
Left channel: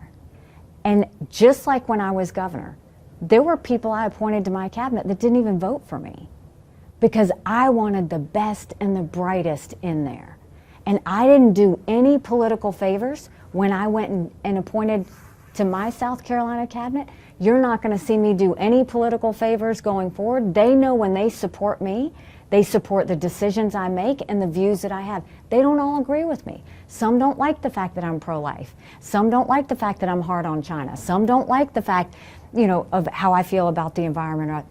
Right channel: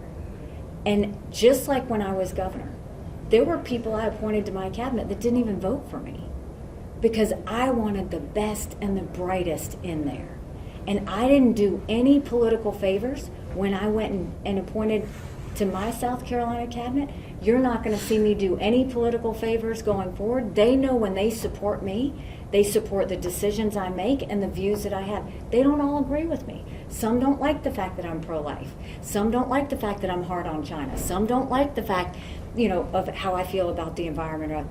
And just like when I was governor, there were people I appointed to my cabinet that didn't even vote for me because I wanted the best and the brightest in there. And I didn't do any political favors when I went and appointed to my South Carolina cabinet. You're not going to see me do any political favors going forward. They know when they support me, they support the decisions I make and the views that I have. They don't all agree with me. Some don't like the fact that I'm pro-life. Some don't like the fact that I'm hard on China. Some don't like the fact, you know, of how I feel about the environment.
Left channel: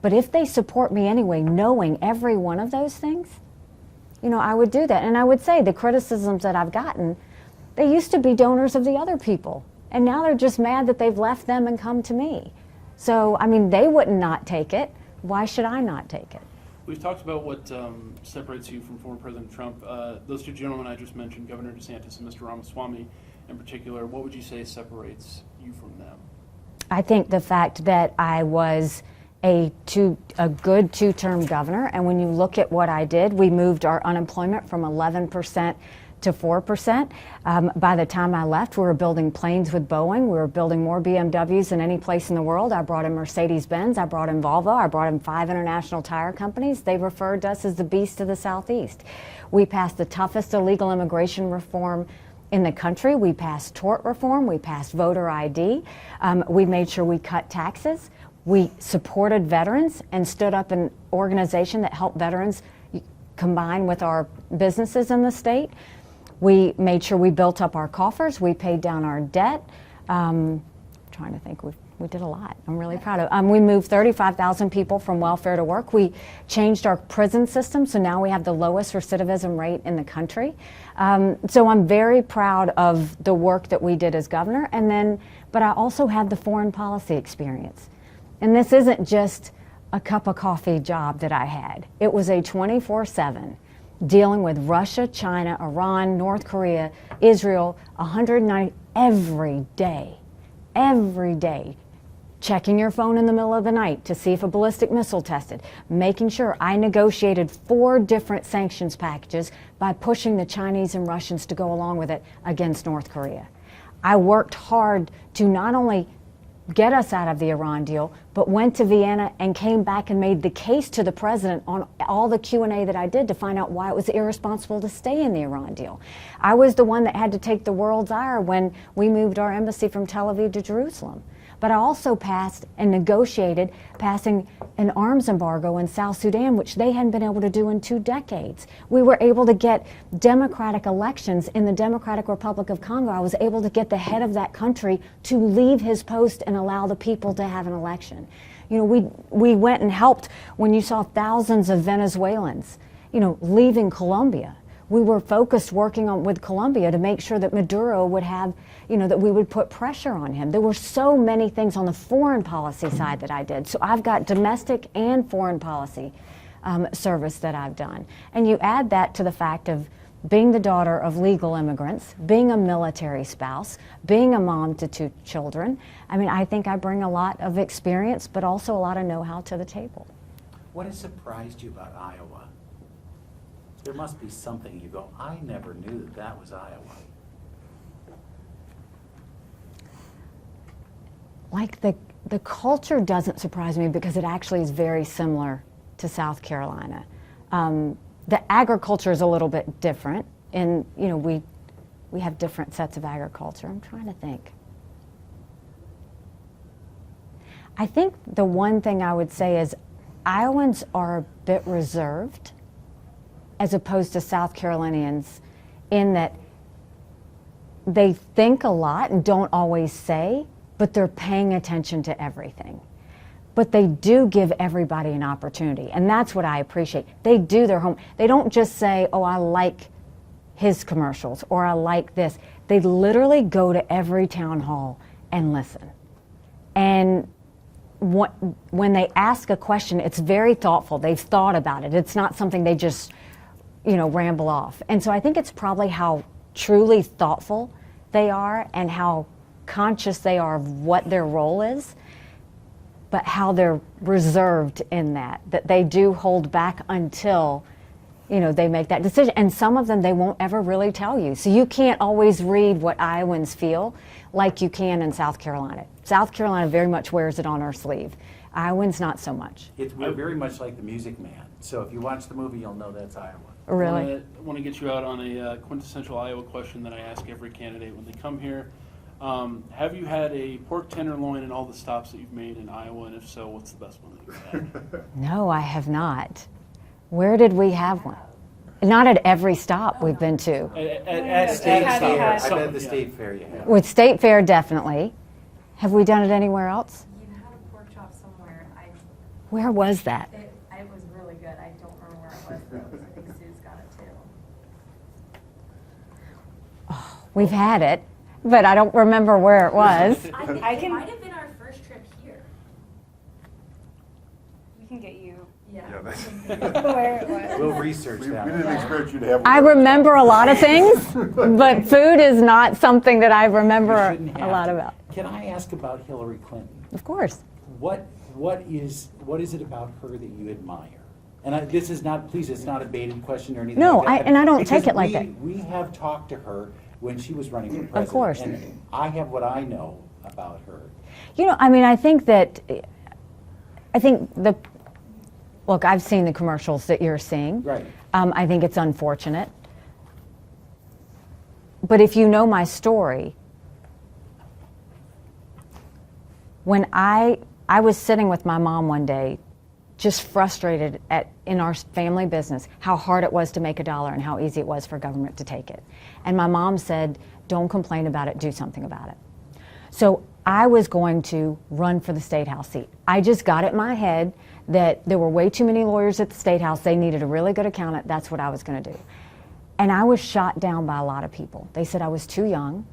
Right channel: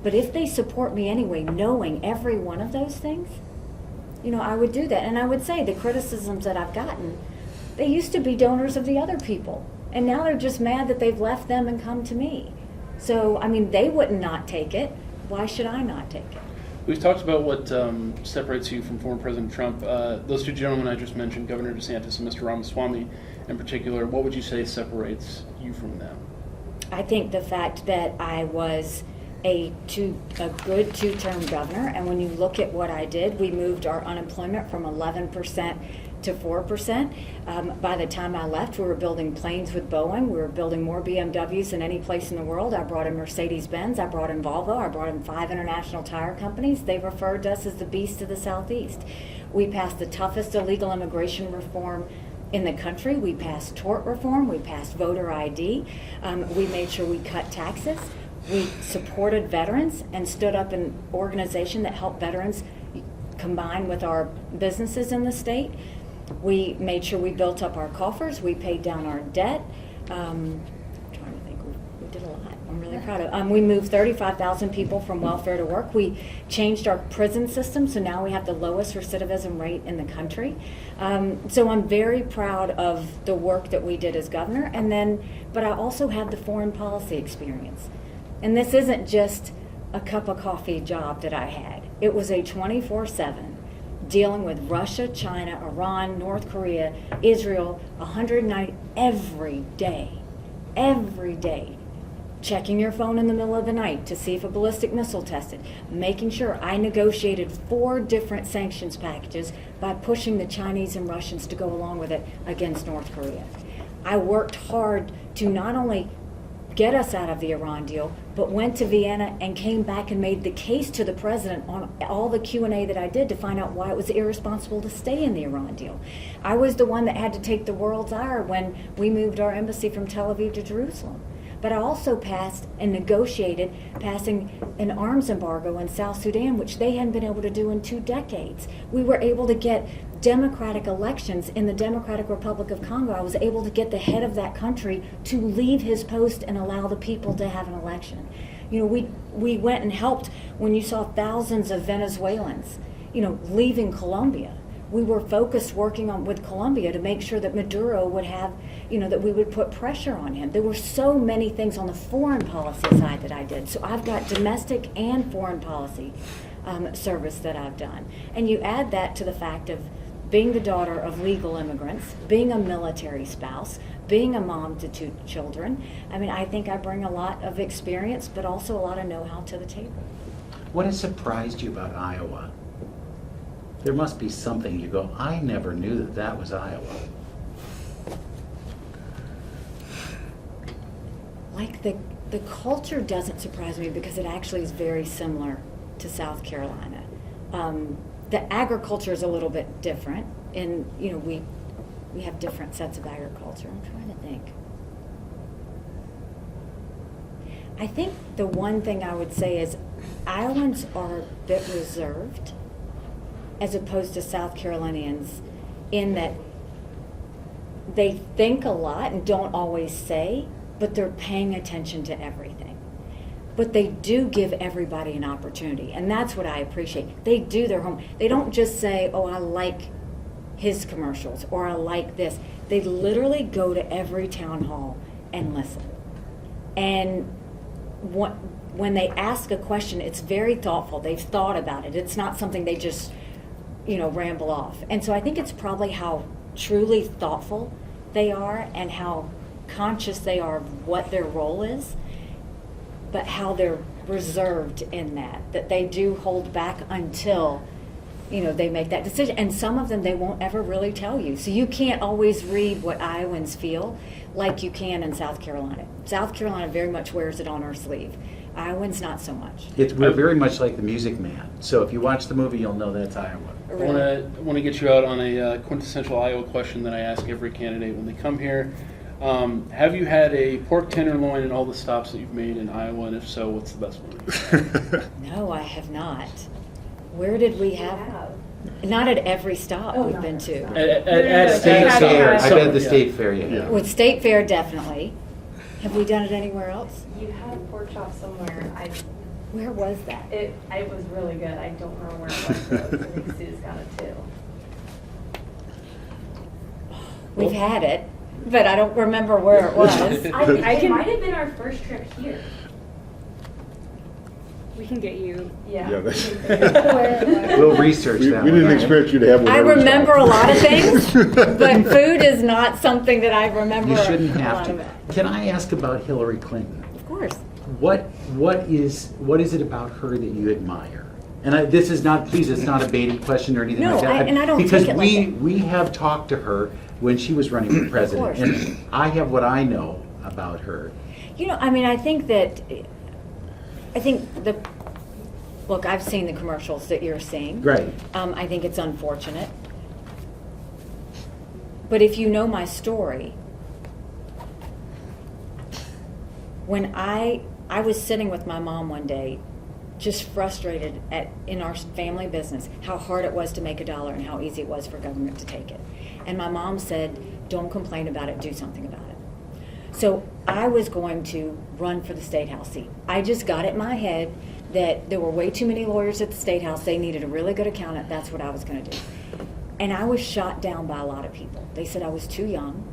But if they support me anyway, knowing every one of those things, you know, I would do that. And I would say the criticisms that I've gotten, they used to be donors of the other people. And now they're just mad that they've left them and come to me. So, I mean, they wouldn't not take it. Why should I not take it? We've talked about what separates you from former President Trump. Those two gentlemen I just mentioned, Governor DeSantis and Mr. Ramaswamy in particular, what would you say separates you from them? I think the fact that I was a good two-term governor, and when you look at what I did, we moved our unemployment from 11% to 4%. By the time I left, we were building planes with Boeing. We were building more BMWs than any place in the world. I brought in Mercedes-Benz. I brought in Volvo. I brought in 5 international tire companies. They referred to us as the beast of the Southeast. We passed the toughest illegal immigration reform in the country. We passed tort reform. We passed voter ID. We made sure we cut taxes. We supported veterans and stood up an organization that helped veterans combine with our businesses in the state. We made sure we built up our coffers. We paid down our debt. Trying to think, we did a lot. I'm really proud of. We moved 35,000 people from welfare to work. We changed our prison system, so now we have the lowest recidivism rate in the country. So I'm very proud of the work that we did as governor. But I also had the foreign policy experience. And this isn't just a cup of coffee job that I had. It was a 24/7 dealing with Russia, China, Iran, North Korea, Israel, 190 every day, checking your phone in the middle of the night to see if a ballistic missile tested, making sure. I negotiated 4 different sanctions packages by pushing the Chinese and Russians to go along with it against North Korea. I worked hard to not only get us out of the Iran deal, but went to Vienna and came back and made the case to the president on all the Q&A that I did to find out why it was irresponsible to stay in the Iran deal. I was the one that had to take the world's ire when we moved our embassy from Tel Aviv to Jerusalem. But I also passed and negotiated passing an arms embargo in South Sudan, which they hadn't been able to do in 2 decades. We were able to get democratic elections in the Democratic Republic of Congo. I was able to get the head of that country to leave his post and allow the people to have an election. You know, we went and helped when you saw thousands of Venezuelans, you know, leaving Colombia. We were focused working on with Colombia to make sure that Maduro would have, you know, that we would put pressure on him. There were so many things on the foreign policy side that I did. So I've got domestic and foreign policy service that I've done. And you add that to the fact of being the daughter of legal immigrants, being a military spouse, being a mom to 2 children. I mean, I think I bring a lot of experience, but also a lot of know-how to the table. What has surprised you about Iowa? There must be something you go, I never knew that that was Iowa. Like the culture doesn't surprise me because it actually is very similar to South Carolina. The agriculture is a little bit different, and you know we have different sets of agriculture. I'm trying to think. I think the one thing I would say is Iowans are a bit reserved as opposed to South Carolinians in that they think a lot and don't always say, but they're paying attention to everything. But they do give everybody an opportunity, and that's what I appreciate. They do their homework. They don't just say, oh, I like his commercials, or I like this. They literally go to every town hall and listen. And when they ask a question, it's very thoughtful. They've thought about it. It's not something they just, you know, ramble off. And so I think it's probably how truly thoughtful they are and how conscious they are of what their role is, but how they're reserved in that they do hold back until, you know, they make that decision. And some of them they won't ever really tell you. So you can't always read what Iowans feel like you can in South Carolina. South Carolina very much wears it on our sleeve. Iowans not so much. We're very much like The Music Man. So if you watch the movie, you'll know that it's Iowa. Really? I want to get you out on a quintessential Iowa question that I ask every candidate when they come here. Have you had a pork tenderloin in all the stops that you've made in Iowa, and if so, what's the best one you've had? No, I have not. Where did we have one? Not at every stop we've been to. At State State Fair. Fair. I bet the State Fair, yeah. With State Fair, definitely. Have we done it anywhere else? You had a pork chop somewhere. Where was that? It was really good. I don't remember where it was, though. I think Sue's got it too. We've had it, but I don't remember where it was. It might have been our first trip here. We can get you. Yeah. Yeah, that's- A little research We that didn't one. expect you to have one. I every remember a stop. lot of things, but food is not something that I remember You shouldn't a have lot to. about. Can I ask about Hillary Clinton? Of course. What is it about her that you admire? And this is not, please, it's not a baited question or anything No, like that. and I don't because take it like that. we have talked to her when she was running for president. course. And I have what I know about her. You know, I mean, look, I've seen the commercials that you're seeing. Right. I think it's unfortunate. But if you know my story, when I I was sitting with my mom one day, just frustrated in our family business, how hard it was to make a dollar and how easy it was for government to take it. And my mom said, don't complain about it, do something about it. So I was going to run for the State House seat. I just got it in my head that there were way too many lawyers at the State House. They needed a really good accountant. That's what I was going to do. And I was shot down by a lot of people. They said I was too young.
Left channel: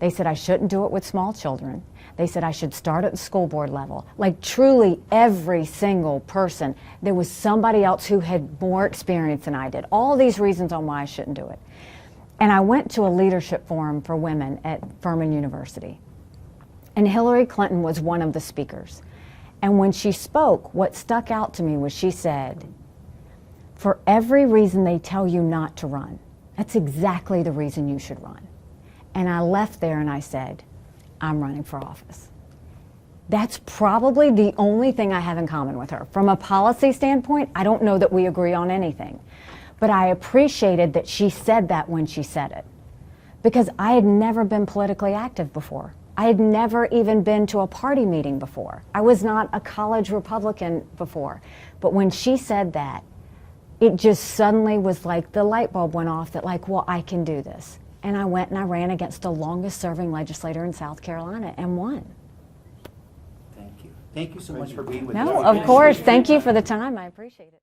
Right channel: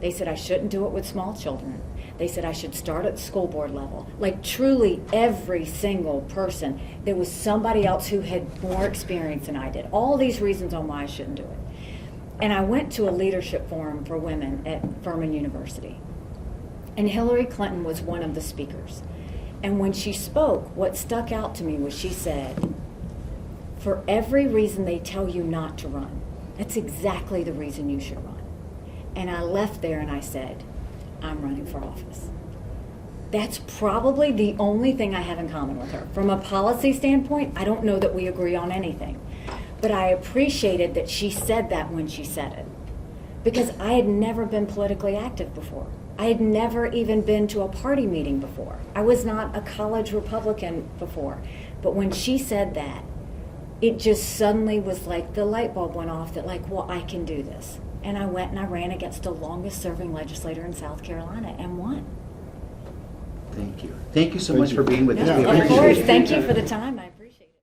They said I shouldn't do it with small children. They said I should start at the school board level. Like truly every single person, there was somebody else who had more experience than I did. All these reasons on why I shouldn't do it. And I went to a leadership forum for women at Furman University. And Hillary Clinton was one of the speakers. And when she spoke, what stuck out to me was she said, for every reason they tell you not to run, that's exactly the reason you should run. And I left there and I said, I'm running for office. That's probably the only thing I have in common with her. From a policy standpoint, I don't know that we agree on anything. But I appreciated that she said that when she said it. Because I had never been politically active before. I had never even been to a party meeting before. I was not a college Republican before. But when she said that, it just suddenly was like the light bulb went off that like, well, I can do this. And I went and I ran against the longest serving legislator in South Carolina and won. Thank you. Thank you so Thank much you. for being with us. No, We of appreciate course. it. Thank you for the time. I appreciate it.